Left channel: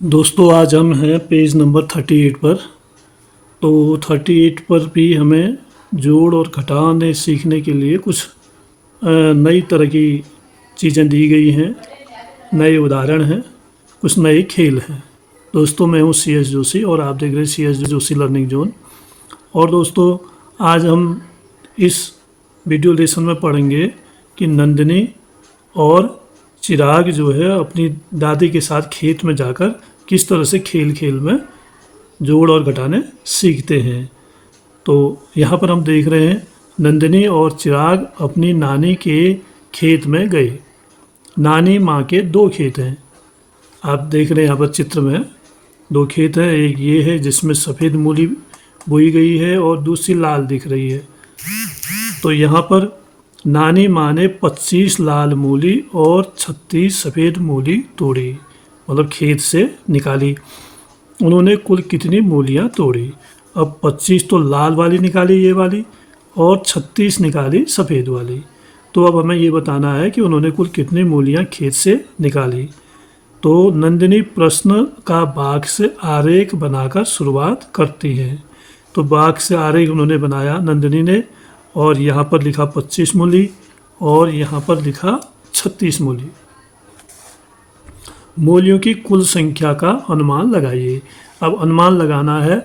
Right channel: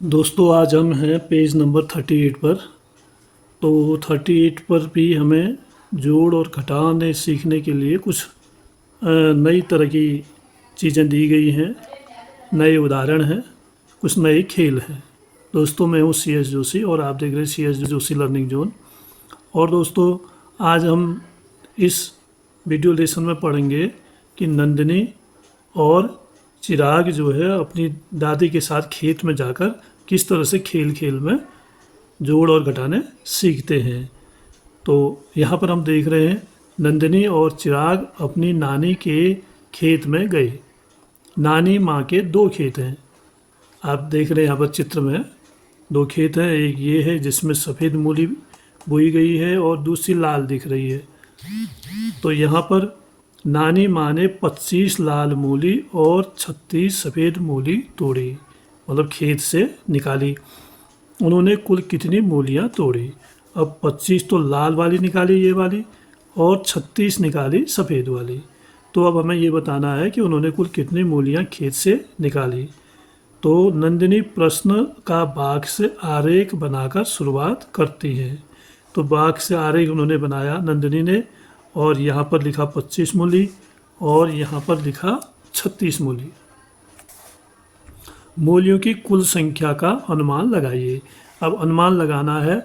दोस्तों आज हम हैं पेज नंबर 38 पर। तो 38 पर भी हमें जोड़ और घटाने सीखने के लिए कुछ नई तरह की चीज़ें दी गई हैं, नए उदाहरण हैं, कुछ नए खेल हैं। दोस्तों मैं हूँ सी एस जोशी और आप देख रहे हैं C S Joshi learning zone. और दोस्तों आज हम इस वीडियो लेसन में पढ़ेंगे कि नंदिनी और चिराग जो है अपनी दादी के साथ खेत में जाकर किस तरह से खेल खेल में जोड़ और घटाने सीखते हैं। तो यहाँ पर हम देख रहे हैं नंदिनी और चिराग अपनी नानी के खेत में गए। नानी माँ के दो खेत हैं, आप देख रहे हैं यहाँ पर चित्र में दो खेत हैं। एक ये है जिसमें सफ़ेद मूली बोई गई है और दूसरी लाल दिख रही है। तो यहाँ पर नानी माँ ने 25 लाल मूली और 36 सफ़ेद मूली तोड़ी, मतलब खेत से निकाली। उन्होंने कुल कितनी मूलियाँ तोड़ी? अब 25 तो लाल वाली निकाली ये वाली, और 36 निकाली सफ़ेद वाली। तो अब हमें ये बताना है कि उन्होंने कुल कितनी मूलियाँ खेत से निकाली। तो नंदिनी प्रश्न का बाग से आरेख बनाकर शुरुआत करती है। तो बाग से आरेख उन्होंने बनाया नंदिनी ने, और यहाँ पर लिखा 25 मूली और यहाँ पर लिखा 36 मूली। मूलियों की कुल संख्या का अनुमान लगाइए। अब अनुमान लगाना है।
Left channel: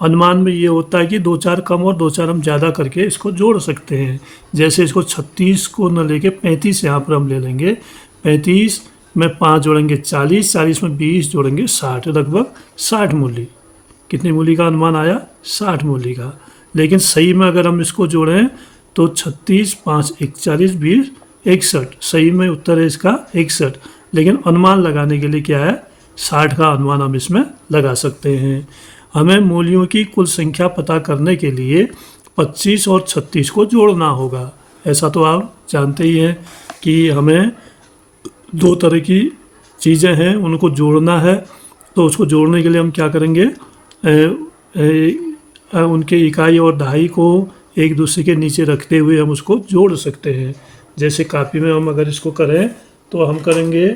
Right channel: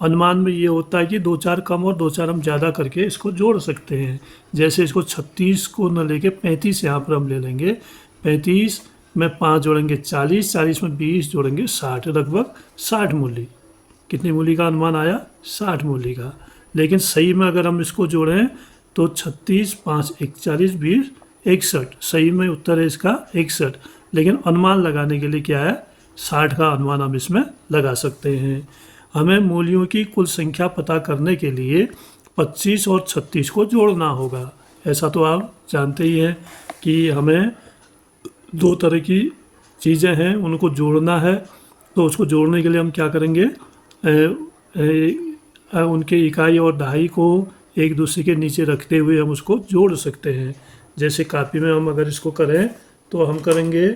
अनुमान में ये होता है कि दो चार कम और दो चार हम ज़्यादा करके इसको जोड़ सकते हैं। जैसे इसको 36 को न लेके 35 यहाँ पर हम ले लेंगे। 35 में 5 जोड़ेंगे 40, 40 में 20 जोड़ेंगे 60, लगभग 60 मूली। कितनी मूली का अनुमान आया? 60 मूली का। लेकिन सही में अगर हम इसको जोड़ें तो 36, 5, 41, 20, 61। सही में उत्तर है इसका 61। लेकिन अनुमान लगाने के लिए क्या है, 60 का अनुमान हम इसमें लगा सकते हैं। हमें मूलियों की कुल संख्या पता करने के लिए 25 और 36 को जोड़ना होगा। ऐसा तो आप जानते ही हैं कि हमें दो तरह की चीज़ें हैं, उनको जोड़ना है। तो उसको जोड़ने के लिए हम क्या करेंगे, उनके इकाई और दहाई को एक दूसरे के नीचे रखते हुए हम उसको जोड़ सकते हैं। जैसे कापी में हम अगर इसको करें तो हम करेंगे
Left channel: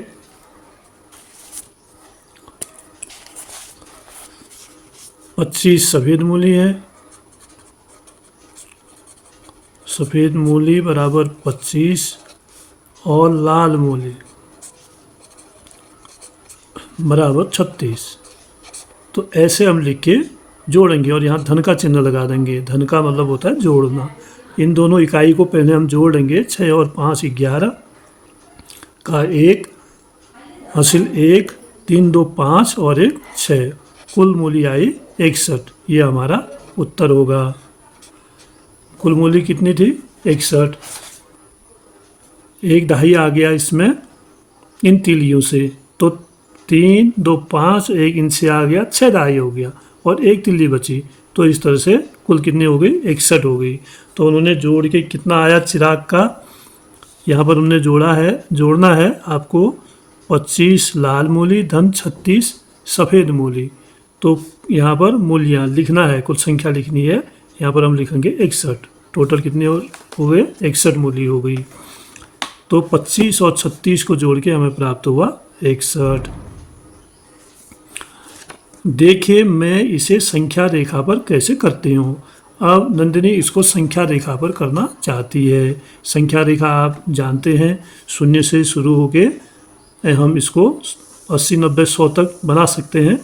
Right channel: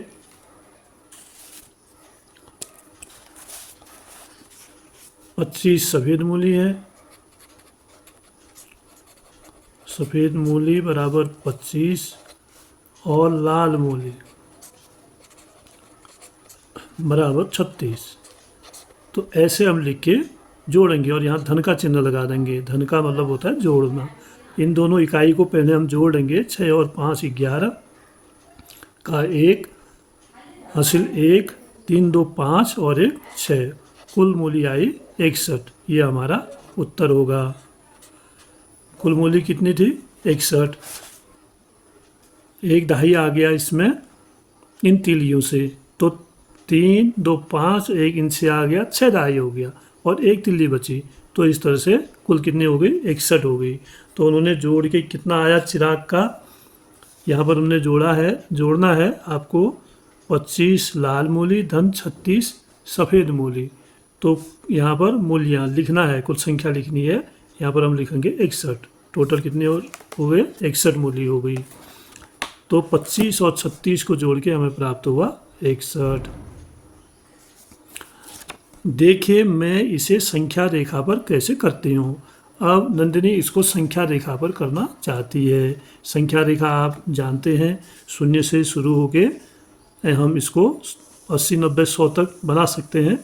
25 सफ़ेद मूली है, सफ़ेद मूली बराबर 25 और लाल मूली बराबर 36। तो ऐसे हम लिख के जोड़ेंगे और यहाँ धन का चिन्ह लगा देंगे। धन का मतलब होता है जोड़ना। इन दोनों इकाई को पहले हम जोड़ेंगे। 6 और 5 11 का 1 हासिल 1, 3 2 5 और 1 6, कुल मूली आई 61। ये हमारा उत्तर होगा। कुल मूली कितनी थी? 61। एक दहाई आ गया इसमें इन तीलियों से, तो 3 2 5, एक इनसे आ गया, 6 दहाई हो गया और एक तिल्ली बची। तो इस तरह से कुल कितनी हो गई? 61 हो गई। तो उन्होंने जोड़ के कितना आया चिराग का, यहाँ पर उन्होंने जोड़ना है आपको 25 लाल मूली धन 36 सफ़ेद मूली। तो यहाँ पर मूलियाँ लिखना है, कुल संख्या लिखनी है। यहाँ पर हम लिखेंगे 61। टोटल कितने हो गए? 61 मूली हो गई। तो 25 और 36 को जोड़ के हमें प्राप्त हुआ 61। देखिए मैं इसे संख्या रेखा पर कैसे करती हूँ। अब नंदिनी इसको संख्या रेखा पर करना चाहती है। संख्या रेखा आप जानते हैं, शून्य से शुरू होके हम इसको 80 90 100 तक बना सकते हैं।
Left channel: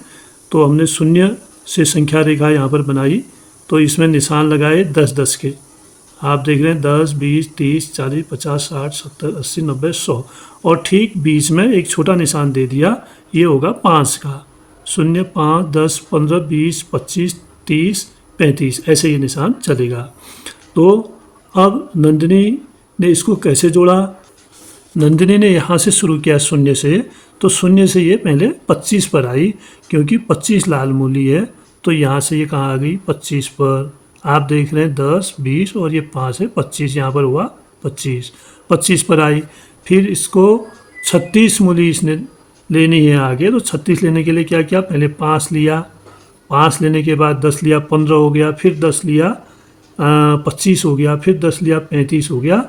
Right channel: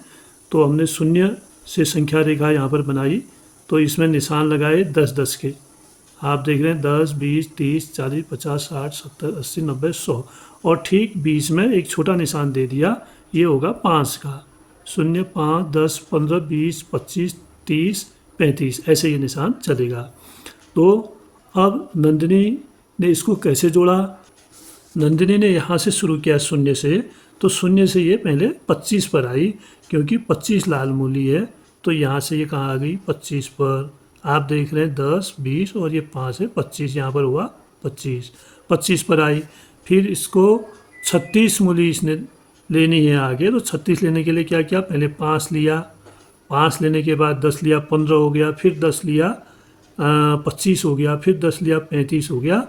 तो हमने शून्य से संख्या रेखा यहाँ पर बनाई, तो इसमें निशान लगाए 10 10 के। आप देख रहे हैं 10 20 30 40 50 60 70 80 90 100, और ठीक बीच में एक छोटा निशान दे दिया, ये होगा 5 का। 0 5 10 15 20 25 30 35, ऐसे ये निशान चलेगा। तो अब नंदिनी ने इसको कैसे जोड़ा? नंदिनी ने यहाँ से शुरू किया शून्य से, तो शून्य से ये पहले 25 पर आई, क्योंकि 25 लाल मूली है। तो यहाँ से ये कहाँ आ गई? 25 पर। आप देख रहे हैं 10 20 और ये 5 है, 25 यहाँ पर हुआ 25 पर आई। फिर इसको 36 मूली इसने लेनी है आगे। तो 36 लेने के लिए क्या किया? पहले 5 लिया, 5 लेने के बाद 10 लिया, 15 हो गया, फिर 10 लिया 25 हो गया, फिर 10 लिया 35 हो गया,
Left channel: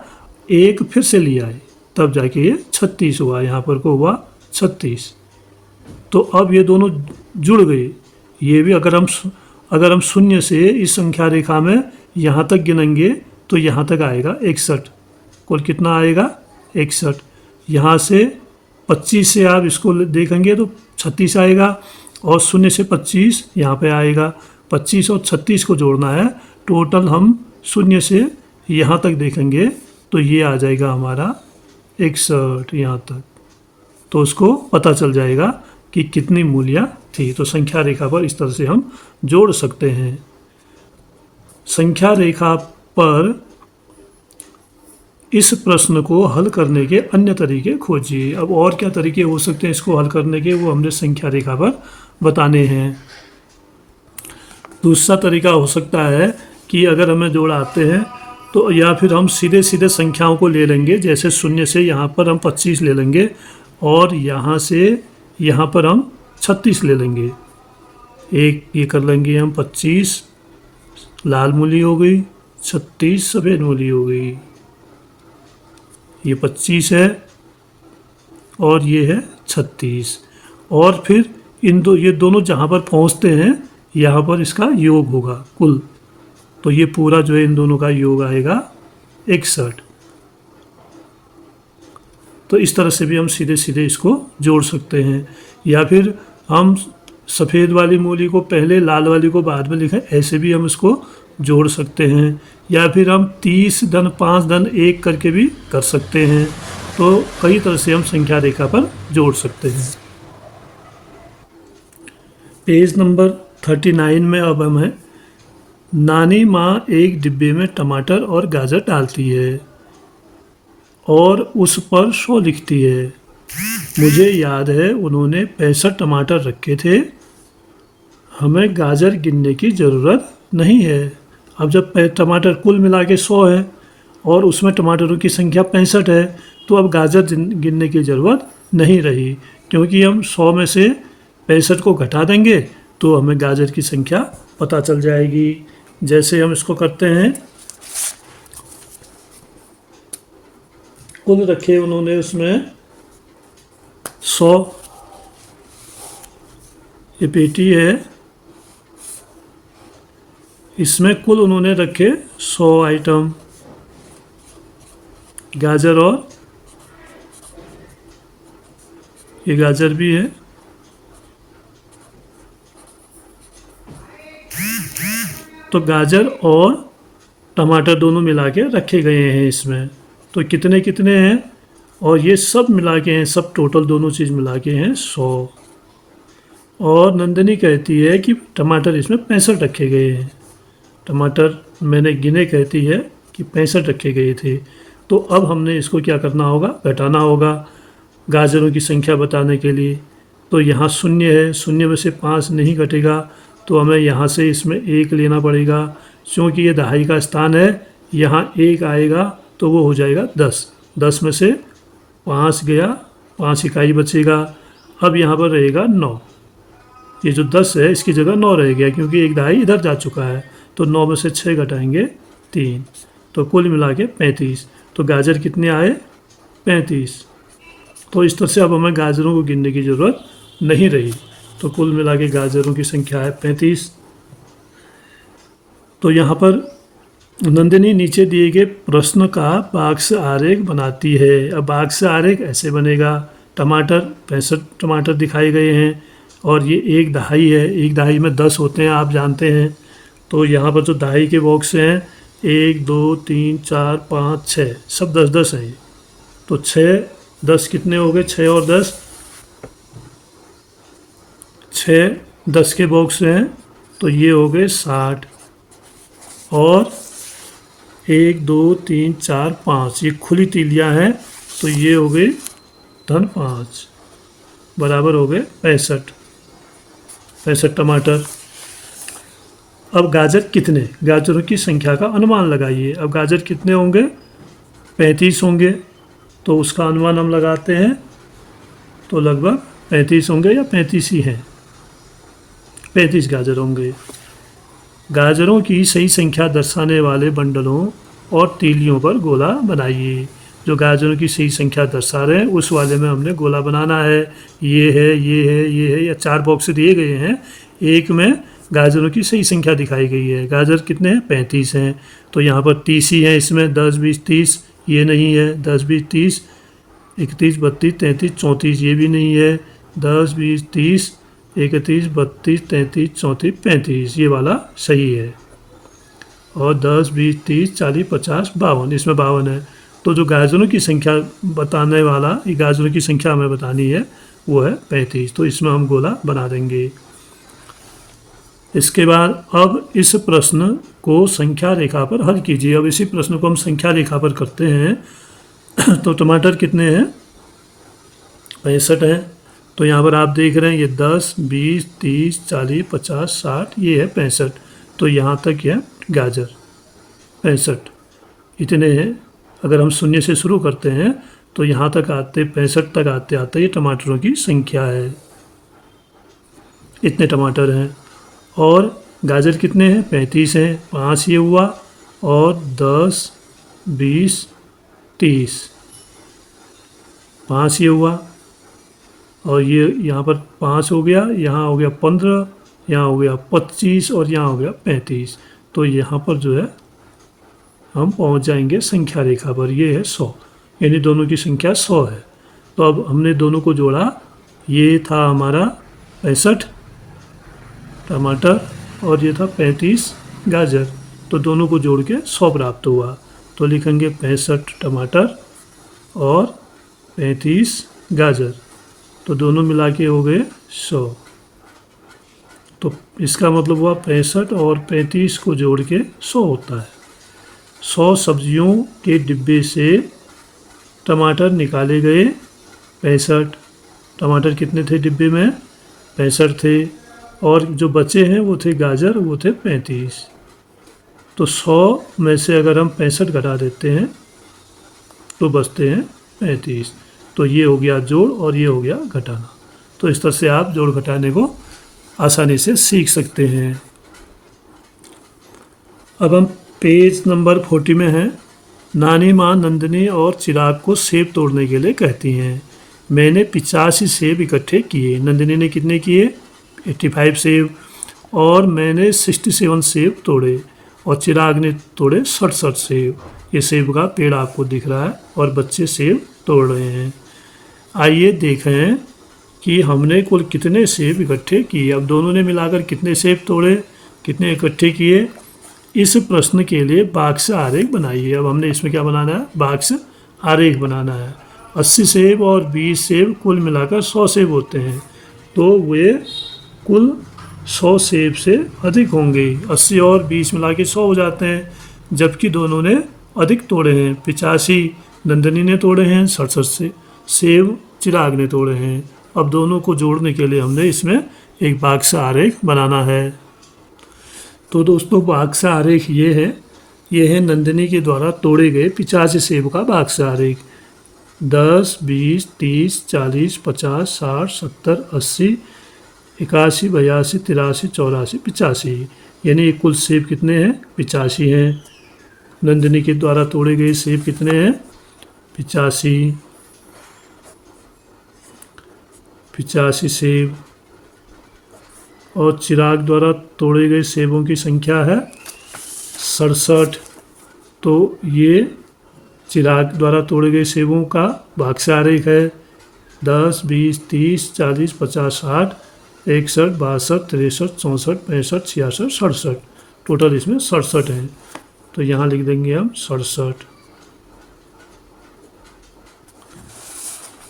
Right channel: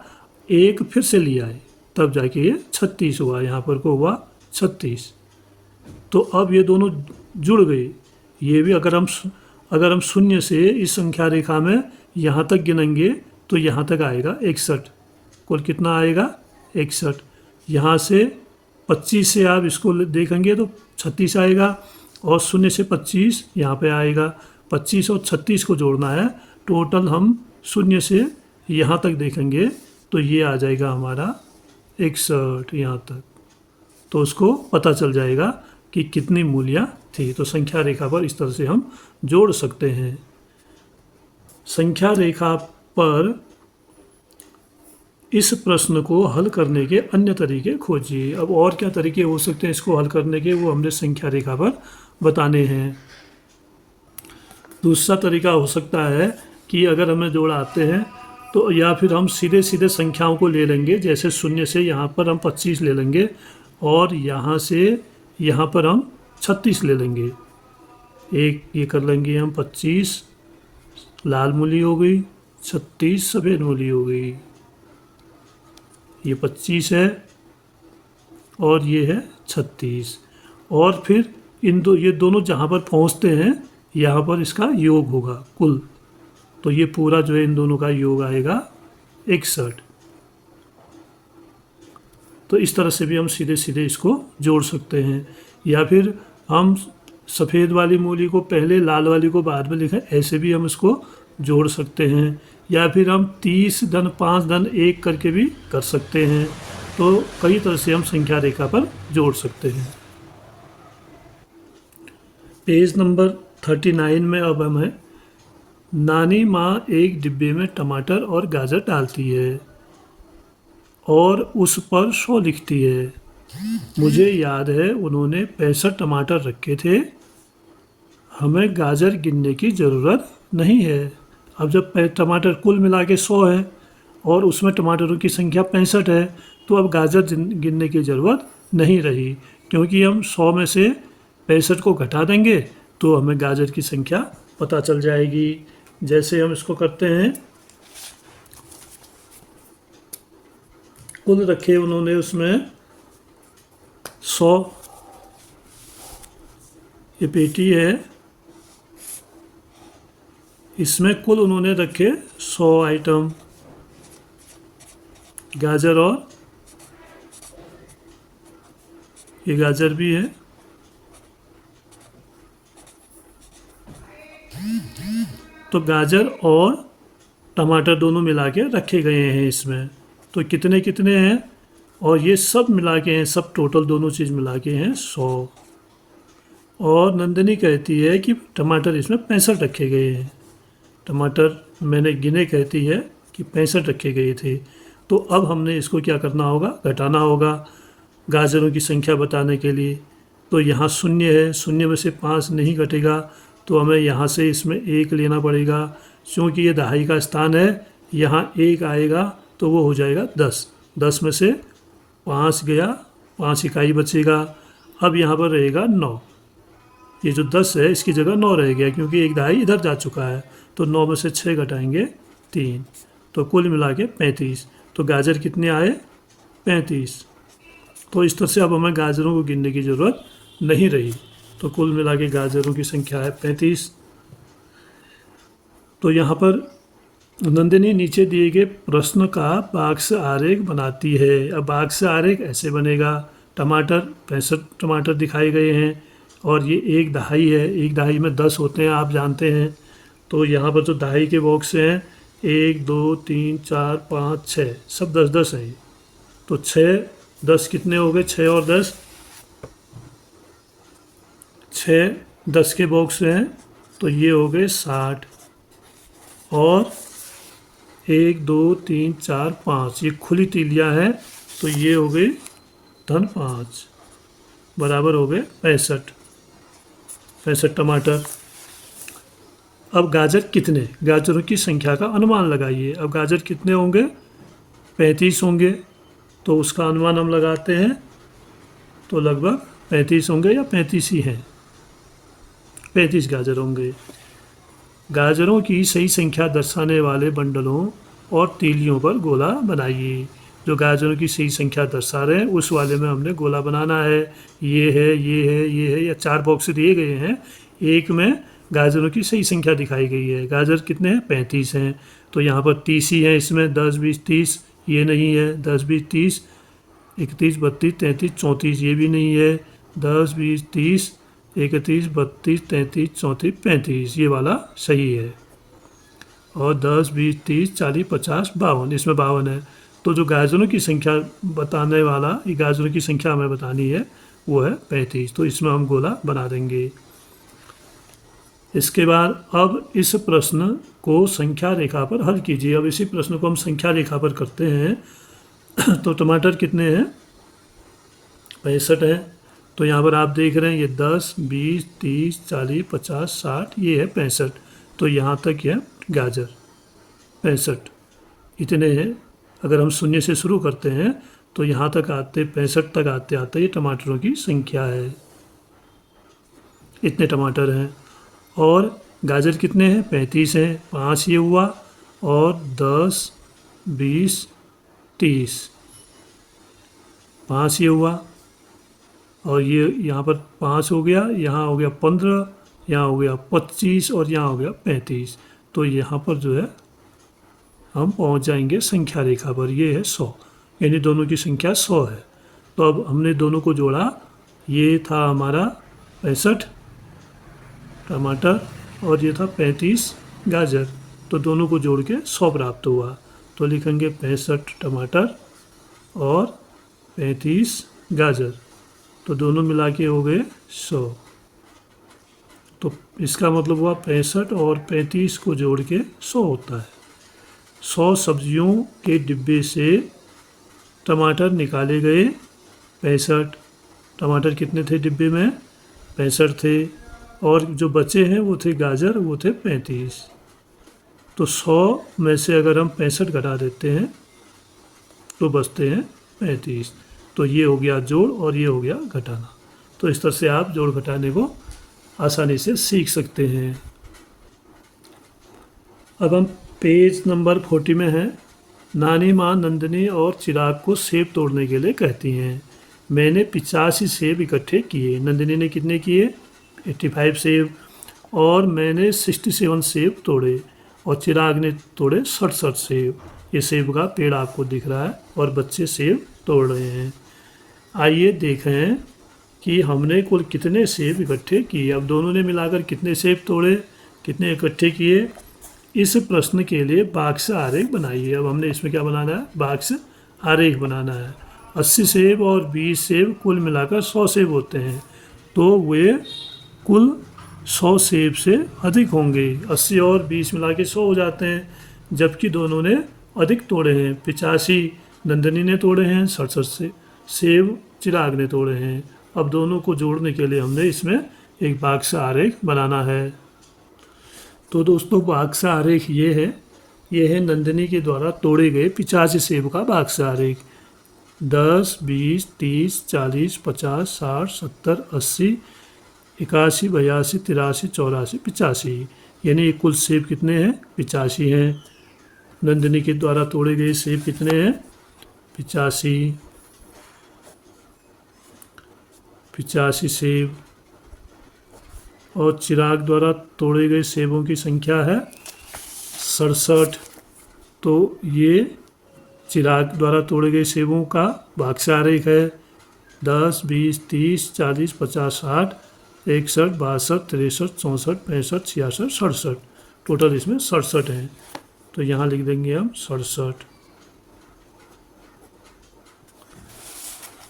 एक फिर से लिया है, तब जाके ये 36 हुआ। यहाँ पर को हुआ 36। तो अब ये दोनों जुड़ गए। ये भी अगर हम शून्य से इस संख्या रेखा में यहाँ तक गिनेंगे तो यहाँ तक आएगा 61। कुल कितना आएगा? 61। यहाँ से 25 से आप इसको देखेंगे तो 36 आएगा, और शून्य से 25 यहाँ पे आएगा। 25 और 36 को जोड़ना है। टोटल हम शून्य से यहाँ तक देखेंगे तो ये आ जाएगा हमारा 61 यहाँ तक। तो उसको पता चल जाएगा कि कितनी मूल्य थी। तो संख्या रेखा पर इस तरह से हम जोड़ सकते हैं। संख्या रेखा पर इस प्रश्न को हल करने के अन्य तरीके खोजिए। अब और क्या तरीके हो सकते हैं इसको हल करने के, वो हमने संख्या रेखा पर बताने हैं। दूसरा तरीका हो सकता है कि अगर हमें जोड़ आते हैं तो या फिर हम सीधे सीधे संख्याओं को ले लेंगे। जैसे शून्य से यहाँ पर हम 25 ले लेंगे, और यहाँ से यहाँ पर हम 36 ले लेंगे। एक ये कर लेंगे हम 25 लाल मूली हो गई, 36 सफ़ेद मूली हो गई। ये 25 है और ये है 36। और फिर ये दोनों जहाँ पर पहुँचते हैं यहाँ पर इसका योग होगा कुल। तो ये पूरा जो है इन दोनों का योग आएगा 61। तो इस तरह से भी हम सीधे सीधे इसको जोड़ सकते हैं। या फिर हम सफ़ेद वाली मूली को पहले, लाल वाली को बाद में लिखें, ऐसे भी हम इसको जोड़ सकते हैं। या फिर हम 30 धन 5 धन 1 करके भी कर सकते हैं। तो कई तरह से हम संख्या रेखा पर जोड़ सकते हैं। पेज नंबर 39 में अब हमें नानी माँ एक डिब्बे में टमाटर और गाजर डालती है और उस पर 100 लिखती है। मुझे याद है उन्होंने 65 टमाटर रखे थे। हमें गाजर गिनने की ज़रूरत नहीं है। अब जब टमाटर कुल मिला के 100 है और उसमें टमाटरों की संख्या 65 है, तो अब गाजर गिनने की ज़रूरत नहीं रही, क्योंकि हम 100 में से 65 को घटा देंगे तो हमें गाजर की संख्या पता चल जाएगी। जैसे हम इसको करते हैं, कुल रखे उन्होंने उसमें 100, ये पेटी है, इसमें कुल उन्होंने रखे 100 आइटम गाजर, और ये गाजर भी है। तो गाजर और टमाटर दोनों मिला के रखे गए हैं इसमें। तो कितने कितने हैं, और ये सब मिला के हैं, सब टोटल दोनों चीज़ मिला के हैं 100। और नंदिनी कहती है कि टमाटर इसमें 65 रखे गए हैं। टमाटर मैंने गिने कहती है कि 65 रखे गए थे। तो अब हमने इसको क्या करना होगा, घटाना होगा गाजरों की संख्या बताने के लिए। तो यहाँ शून्य है, शून्य में से 5 नहीं घटेगा, तो हमें यहाँ से इसमें 1 लेना पड़ेगा। क्योंकि ये दहाई का स्थान है, यहाँ 1 आएगा तो वो हो जाएगा 10। 10 में से 5 गया, 5 इकाई बचेगा। अब यहाँ पर रहेगा 9। ये जो 10 है इसकी जगह 9 रह गया, क्योंकि एक दहाई इधर जा चुका है। तो 9 में से 6 घटाएंगे 3, तो कुल मिला के 35। तो गाजर कितने आए? 35। तो इस तरह से अब हमें गाजरों को गिनने की ज़रूरत नहीं रही। तो कुल मिला के गाजरों की संख्या है 35। तो यहाँ पर नंदिनी नीचे दिए गए प्रश्न का बाक्स आरेख बनाती है। अब बाक्स आरेख ऐसे बनेगा, टमाटर 65 टमाटर दिखाए गए हैं, और ये एक दहाई है, एक दहाई में 10 होते हैं, आप जानते हैं। तो यहाँ पर जो दहाई के बॉक्स हैं 1 2 3 4 5 6, सब 10-10 है। तो 6 10 कितने हो गए? 6 और 10, 6 10 के बॉक्स हैं, तो ये हो गए 60। और 1 2 3 4 5 ये खुली तीलियाँ हैं, तो ये हो गए धन 5, बराबर हो गए 65 टमाटर। अब गाजर कितने, गाजरों की संख्या का अनुमान लगाइए। अब गाजर कितने होंगे? 35 होंगे। तो उसका अनुमान हम लगाते हैं, तो लगभग 35 होंगे, या 35 ही हैं, 35 गाजर होंगे। गाजरों की सही संख्या दर्शाने वाले बंडलों और तीलियों पर गोला बनाइए। जो गाजरों की सही संख्या दर्शा रहे हैं उस वाले में हमने गोला बनाना है। ये है, ये है, ये है, या 4 बॉक्स दिए गए हैं, एक में गाजरों की सही संख्या दिखाई गई है। गाजर कितने हैं? 35 हैं। तो यहाँ पर 30 ही है, इसमें 10, 20, 30 ये नहीं है, 10, 20, 30, 31, 32, 33, 34 ये भी नहीं है, 10, 20, 30, 31, 32, 33, 34, 35 ये वाला सही है। और 10, 20, 30, 40, 50, 52, इसमें 52 है। तो जो गाजरों की संख्या बताने वाला, ये गाजरों की संख्या हमें बतानी है, वो है 35। तो इसमें हम गोला बना देंगे। इसके बाद अब इस प्रश्न को संख्या रेखा पर हल कीजिए। अब इसी प्रश्न को हम संख्या रेखा पर करते हैं। तो टमाटर कितने हैं? 65 है। तो यहाँ पर आप देख रहे हैं ये 10, 20, 30, 40, 50, 60 ये है 65। तो यहाँ तक है गाजर 65 इतने हैं। अगर हम शून्य से शुरू करते हैं तो यहाँ तक आते 65 तक आते आते ये टमाटरों की संख्या है, इतने टमाटर हैं। और गाजर कितने हैं? 35 हैं। 5 ये हुआ, और 10, 20, 30, 5 ये हुआ, और ये यहाँ पर 5 हो गया, यहाँ हो गया 15, यहाँ हो गया 25, और यहाँ हो गया 35। तो यहाँ पर जो है हम पहुँच जाएंगे संख्या रेखा पर, ये है 100, यानी दोनों की संख्या 100 है। तो अब हमने दोनों को जोड़ा, ये था हमारा 65 टमाटर और ये था 35 गाजर, तो दोनों को जोड़ के 100 प्राप्त हुआ। तो लिखेंगे 65 टमाटर और 35 गाजर, तो दोनों मिला के हो गए 100। तो इसका मतलब हुआ 65 और 35 को जोड़ के 100 होता है। 100 सब्जियों के डिब्बे से टमाटर निकाले गए 65। टमाटर कितने थे डिब्बे में? 65 थे। और जो बचे हैं वो थे गाजर, वो थे 35। तो 100 में से अगर हम 65 घटा देते हैं तो बचते हैं 35। तो ये हो गया जोड़ और ये हो गया घटाना। तो इस तरह से आप जोड़ घटाने को आसानी से सीख सकते हैं। अब हम पेज नंबर 40 में हैं। नानी माँ नंदिनी और चिराग को सेब तोड़ने के लिए कहती हैं। मैंने 85 सेब इकट्ठे किए। नंदिनी ने कितने किए? 85 सेब। और मैंने 67 सेब तोड़े, और चिराग ने तोड़े 67 सेब। ये सेब का पेड़ आपको दिख रहा है और बच्चे सेब तोड़ रहे हैं। आइए देखें कि हमने कुल कितने सेब इकट्ठे किए। अब दोनों ने मिलाकर कितने सेब तोड़े, कितने इकट्ठे किए। इस प्रश्न के लिए बाक्स आरेख बनाइए। अब हमने इसमें क्या बनाना है? बाक्स आरेख बनाना है। 80 सेब और 20 सेब कुल मिलाकर 100 सेब होते हैं, तो वे कुल 100 सेब से अधिक होंगे। 80 और 20 मिला के 100 हो जाते हैं, जबकि दोनों ने अधिक तोड़े हैं। 85 नंदिनी ने तोड़े हैं, 67 से सेब चिराग ने तोड़े हैं। अब दोनों को जोड़ने के लिए हमने इसमें एक बाक्स आरेख बनाना है। तो दोस्तों बाक्स आरेख ये है नंदिनी के द्वारा तोड़े गए 85 सेब का बाक्स आरेख। 10, 20, 30, 40, 50, 60, 70, 80, 81, 82, 83, 84, 85, यानी कुल सेब कितने हैं? 85 हैं। नंदिनी के द्वारा तोड़े गए सेब कितने हैं? 85 सेब। और चिराग द्वारा तोड़े गए सेबों की संख्या है 67। तो ये चिराग द्वारा तोड़े गए सेबों का बाक्स आरेख है। 10, 20, 30, 40, 50, 60, 61, 62, 63, 64, 65, 66, 67, टोटल इसमें 67 हैं। तो यहाँ लिख देंगे हम 67।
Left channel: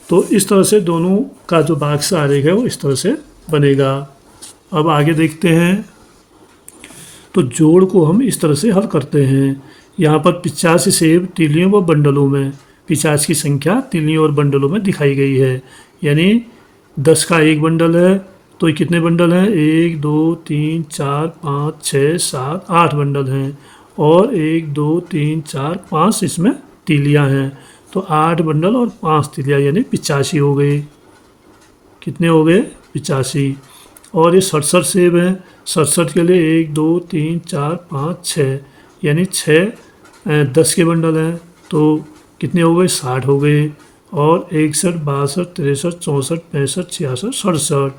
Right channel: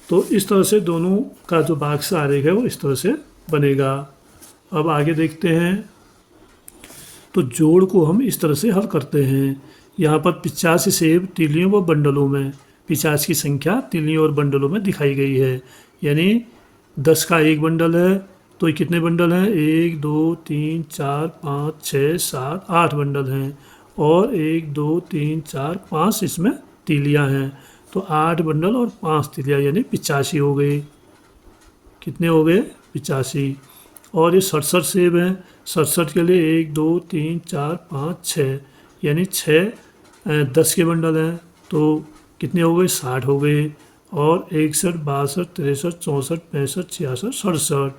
तो इस तरह से दोनों का जो बाक्स आरेख है वो इस तरह से बनेगा। अब आगे देखते हैं। तो जोड़ को हम इस तरह से हल करते हैं। यहाँ पर 85 सेब तीलियों व बंडलों में, 50 की संख्या तीलियों और बंडलों में दिखाई गई है। यानी 10 का एक बंडल है, तो ये कितने बंडल हैं? 1, 2, 3, 4, 5, 6, 7, 8 बंडल हैं। और 1, 2, 3, 4, 5 इसमें तीलियाँ हैं। तो 8 बंडल और 5 तीलियाँ, यानी 85 हो गए। कितने हो गए? 85। और ये 67 सेब हैं। 67 के लिए 1, 2, 3, 4, 5, 6, यानी 6 10 के बंडल हैं। तो कितने हो गए, 60 हो गए। और 61, 62, 63, 64, 65, 66, 67,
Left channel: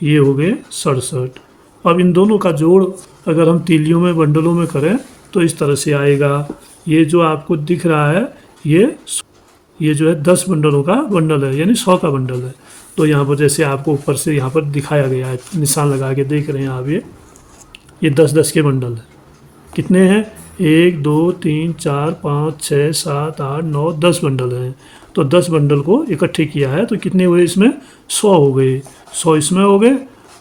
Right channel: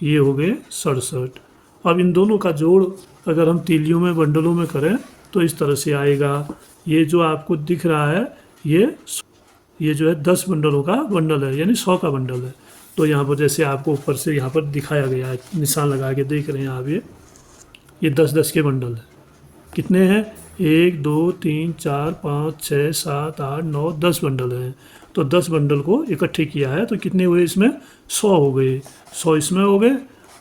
ये हो गए 67। अब इन दोनों का जोड़ अगर हम तीलियों में बंडलों में करें तो इस तरह से आएगा। ये जो आपको दिख रहा है ये जो है 10 बंडलों का बंडल है, यानी 100 का बंडल है। तो यहाँ पर जैसे आपको ऊपर से यहाँ पर दिखाया गया है, निशान लगा के देख रहे हैं आप, ये 10-10 के बंडल है। कितने हैं, 1 2 3 4 5 6 7 8 9 10 बंडल हैं। तो 10 बंडल को इकट्ठे किया है तो कितने हुए इसमें, 100 हो गए। 100 इसमें हो गए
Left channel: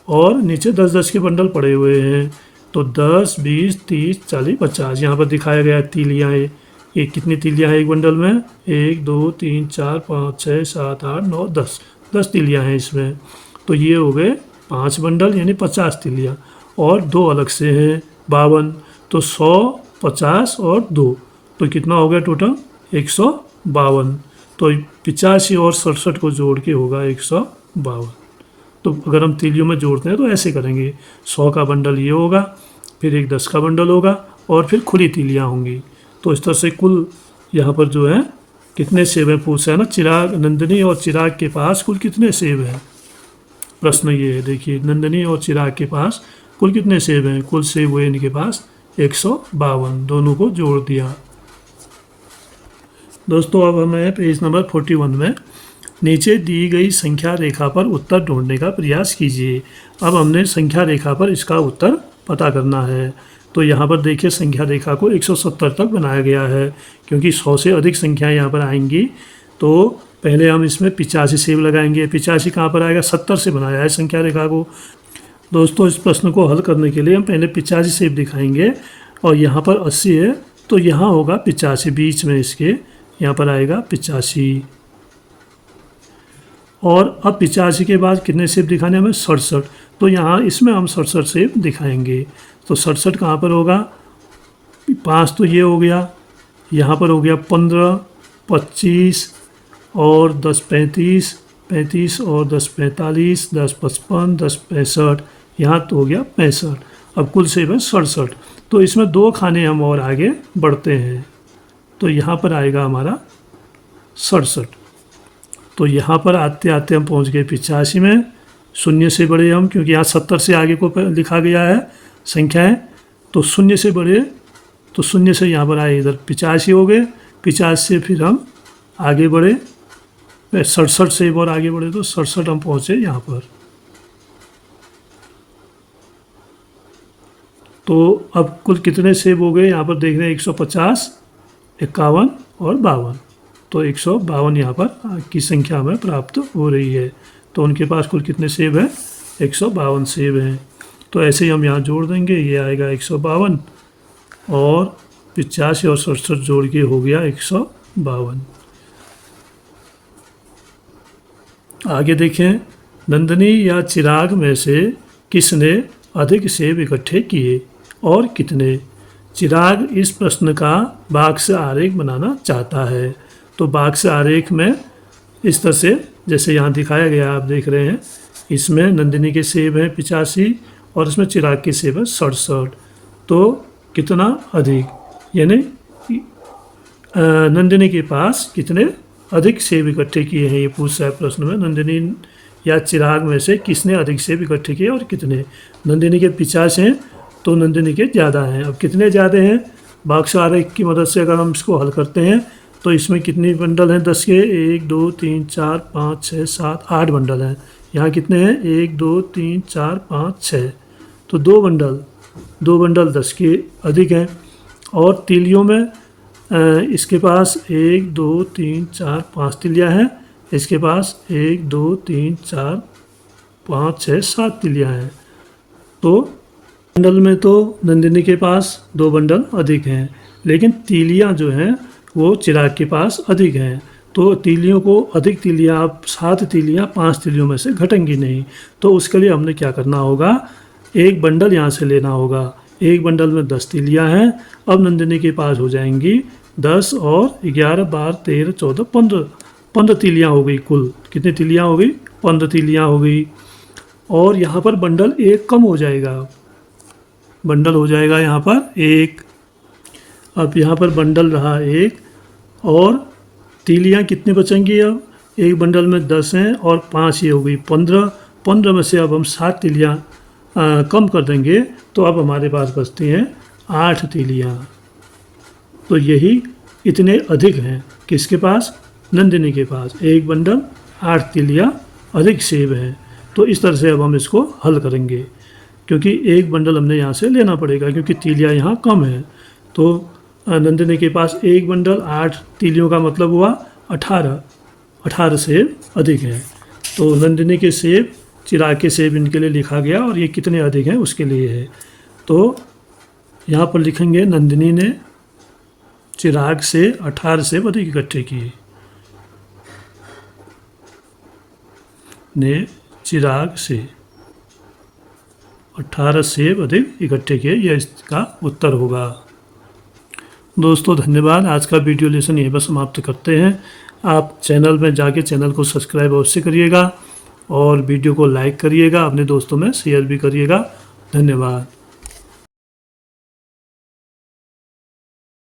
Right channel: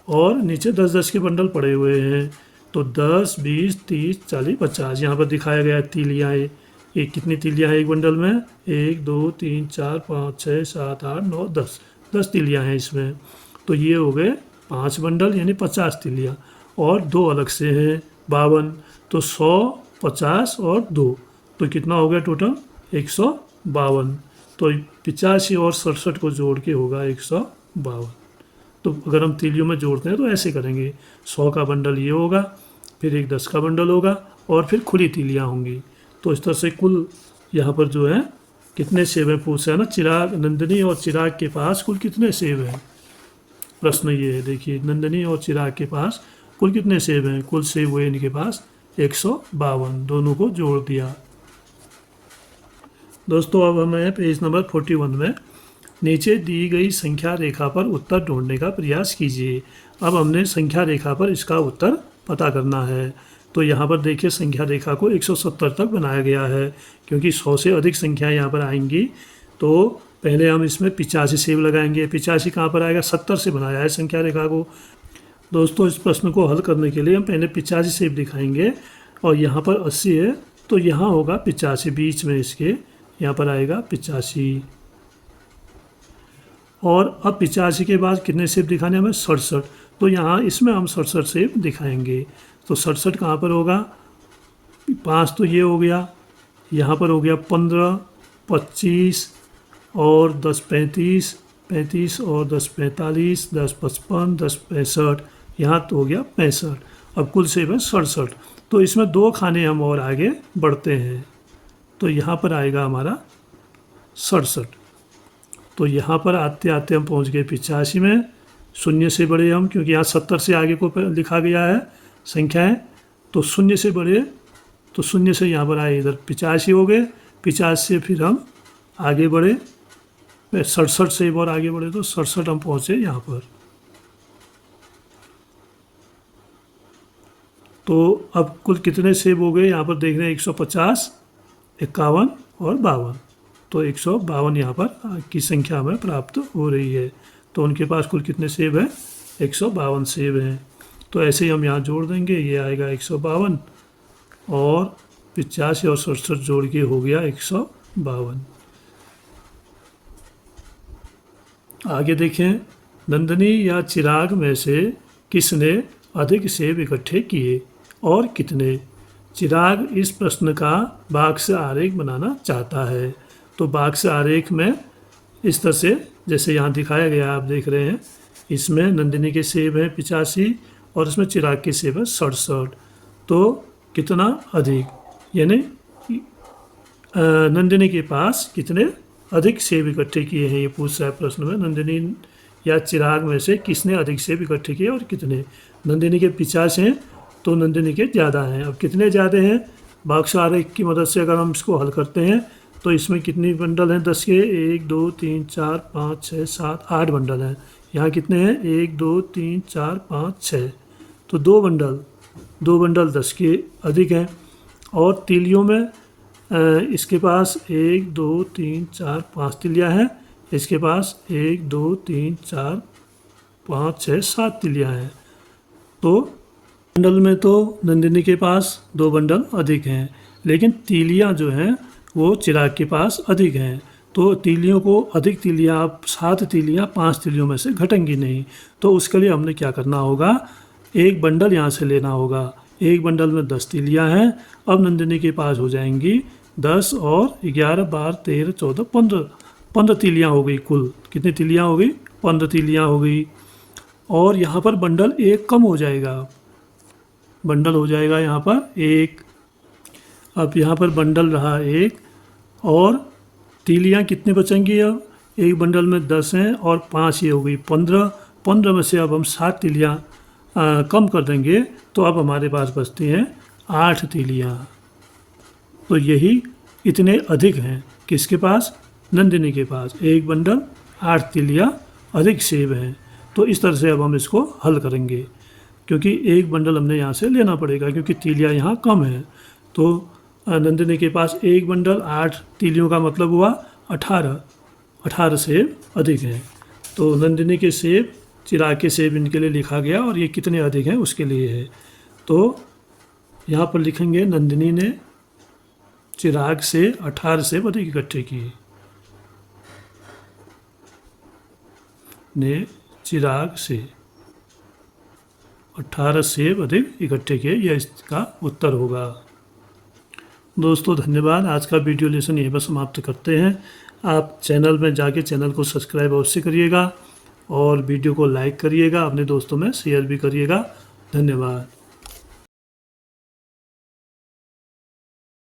और नीचे 10-10 के बंडल पड़े हुए हैं। तो 10 20 30 40 50 यहाँ पर दिखाया गया है तीलियाँ। ये कितनी तीलियाँ हैं एक बंडल में, 1 2 3 4 5 6 7 8 9 10 10 तीलियाँ हैं इसमें। तो ये हो गए 5 बंडल यानी 50 तीलियाँ, और 2 अलग से हैं 52। तो 100 50 और 2 तो कितना हो गया टोटल, 152। तो 85 और 67 को जोड़ के होगा 152। तो अगर हम तीलियों में जोड़ते हैं तो ऐसे करेंगे, 100 का बंडल ये होगा, फिर एक 10 का बंडल होगा और फिर खुली तीलियाँ होंगी। तो इस तरह से कुल यहाँ पर जो है कितने सेब हैं पूछा है ना, चिराग, नंदिनी और चिराग के पास कुल कितने सेब हैं, प्रश्न ये है। देखिए नंदिनी और चिराग के पास कुल कितने सेब हैं, कुल सेब हुए इनके पास 152, दोनों को जोड़ दिया। दोस्तों अब हमें पेज नंबर 41 में नीचे दी गई संख्या रेखा पर उत्तर ढूंढने का प्रयास कीजिए। अब हमने संख्या रेखा पर इसका उत्तर पता करना है। तो यहाँ पर देखिए संख्या रेखा को 170 तक बनाया गया है, क्योंकि 100 से अधिक संख्याएं यहाँ पर आएंगी। तो पहले हम इसमें 85 सेब लगाएंगे। 85 कहाँ पर आएगा, 70 से बनाया है संख्या रेखा को। दोस्तों इस प्रश्न को हल करने के लिए हम पहले 85 सेब दिखाएंगे, और यहाँ पर 80 है तो यहाँ होगा 85, बीच में इसके यहाँ पर आएगा 85। और अब 85 के बाद कितने सेब दिखाने हमें, 67। तो यहाँ इसमें हम 67 सेब दिखाएंगे। तो 67 कहाँ पर होगा, 5 तो ये हो गया, यहाँ पर हो गया 15, 25 और 10 35, 35 और 10 45, 10 55, 10 65, यहाँ तो हो गया 65। अब कुल सेब है 67। तो इसमें 2 खाने हम और आगे बढ़ते हैं, तो यहाँ पर आएगा हमारा 67। तो यहाँ पर आते आते हम पहुँच गए 85 में। शून्य से बड़े हम, क्योंकि यहाँ 70 से आगे को लिखा गया है संख्याएं, तो शून्य से बड़े, तो शून्य से यहाँ पर आए इधर 85 हो गए। 50 से फिर हम आगे बढ़े 67 से और आगे बढ़े तो 67 हम पहुँचे यहाँ पर। तो अब कुल कितने सेब हो गए यहाँ पर देख रहे हैं, 150, 51 और 52। तो 152 यहाँ पर की संख्या हमें प्राप्त हो रही है। तो उनके पास कुल कितने सेब हैं, 152 सेब हैं। तो ऐसे ही हम यहाँ जोड़ देंगे, ये आएगा 152 और 85 और 67 जोड़ के हो गया 152। आगे देखें, नंदिनी या चिराग में से किसने अधिक सेब इकट्ठे किए और कितने। चिराग इस प्रश्न का बाक्स आरेख बनाना चाहता है। तो बाक्स आरेख में इस तरह से जैसे यहाँ दिखाया गया आप देख रहे हैं, इसमें नंदिनी के सेब हैं 85 और इसमें चिराग के सेब हैं 67। तो कितना अधिक, यानी नंदिनी के पास कितने अधिक सेब इकट्ठे किए हैं, ये पूछ रहा है प्रश्न में। नंदिनी या चिराग में से किसने अधिक सेब इकट्ठे किए और कितने। नंदिनी के 50 हैं तो नंदिनी के ज़्यादा हैं। अब कितने ज़्यादा हैं, बाक्स आरेख की मदद से अगर हम इसको हल करते हैं तो इसमें कितने बंडल हैं 10 के, 1 2 3 4 5 6 7 8 बंडल हैं। यहाँ कितने हैं, 1 2 3 4 5 6, तो 2 बंडल 10 के अधिक हैं। और तीलियों में इसके पास 1 2 3 4 5 तीलियाँ हैं, इसके पास 1 2 3 4 5 6 7 तीलियाँ हैं। तो बंडल में तो नंदिनी के पास 2 बंडल अधिक हैं, लेकिन तीलियाँ जो हैं वो चिराग के पास अधिक हैं। तो तीलियों को अधिक तीलियाँ, 7 तीलियाँ 5 तीलियों में से घटेंगी नहीं। तो उसके लिए हमने क्या करना होगा, एक बंडल यहाँ से लेना होगा। एक बंडल में 10 तीलियाँ हैं। अब नंदिनी के पास हो जाएंगी 10 और 11 12 13 14 15 तीलियाँ हो गई। कुल कितनी तीलियाँ हो गई, 15 तीलियाँ हो गई। और यहाँ पर बंडल एक कम हो जाएगा, बंडल हो जाएगा यहाँ पर एक। अब यहाँ पर बंडल रहा एक, और तीलियाँ कितनी बचेंगी? अब एक बंडल में 10 हैं और 5 ये हो गई 15। 15 में से अब हम 7 तीलियाँ कम कर देंगे तो अब हमारे पास बचती हैं 8 तीलियाँ। तो यही इतने अधिक हैं किसके पास? नंदिनी के पास। एक बंडल 8 तीलियाँ अधिक सेब हैं। तो इस तरह से अब हम इसको हल करेंगे, क्योंकि एक बंडल हमने यहाँ से लेना पड़ेगा क्योंकि तीलियाँ यहाँ कम हैं। तो नंदिनी के पास एक बंडल 8 तीलियों का मतलब हुआ 18 सेब अधिक हैं। तो नंदिनी के सेब, चिराग के सेब इनके लिए लिखा गया और ये कितने अधिक हैं उसके लिए है। तो यहाँ पर लिखेंगे नंदिनी ने चिराग से 18 सेब अधिक इकट्ठे किए। ने चिराग से 18 सेब अधिक इकट्ठे किए, यह इसका उत्तर होगा। दोस्तों धन्यवाद। आज का वीडियो लेसन यहीं पर समाप्त करते हैं। आप चैनल में जाके चैनल को सब्सक्राइब अवश्य करिएगा और वीडियो को लाइक करिएगा, अपने दोस्तों में शेयर भी करिएगा। धन्यवाद।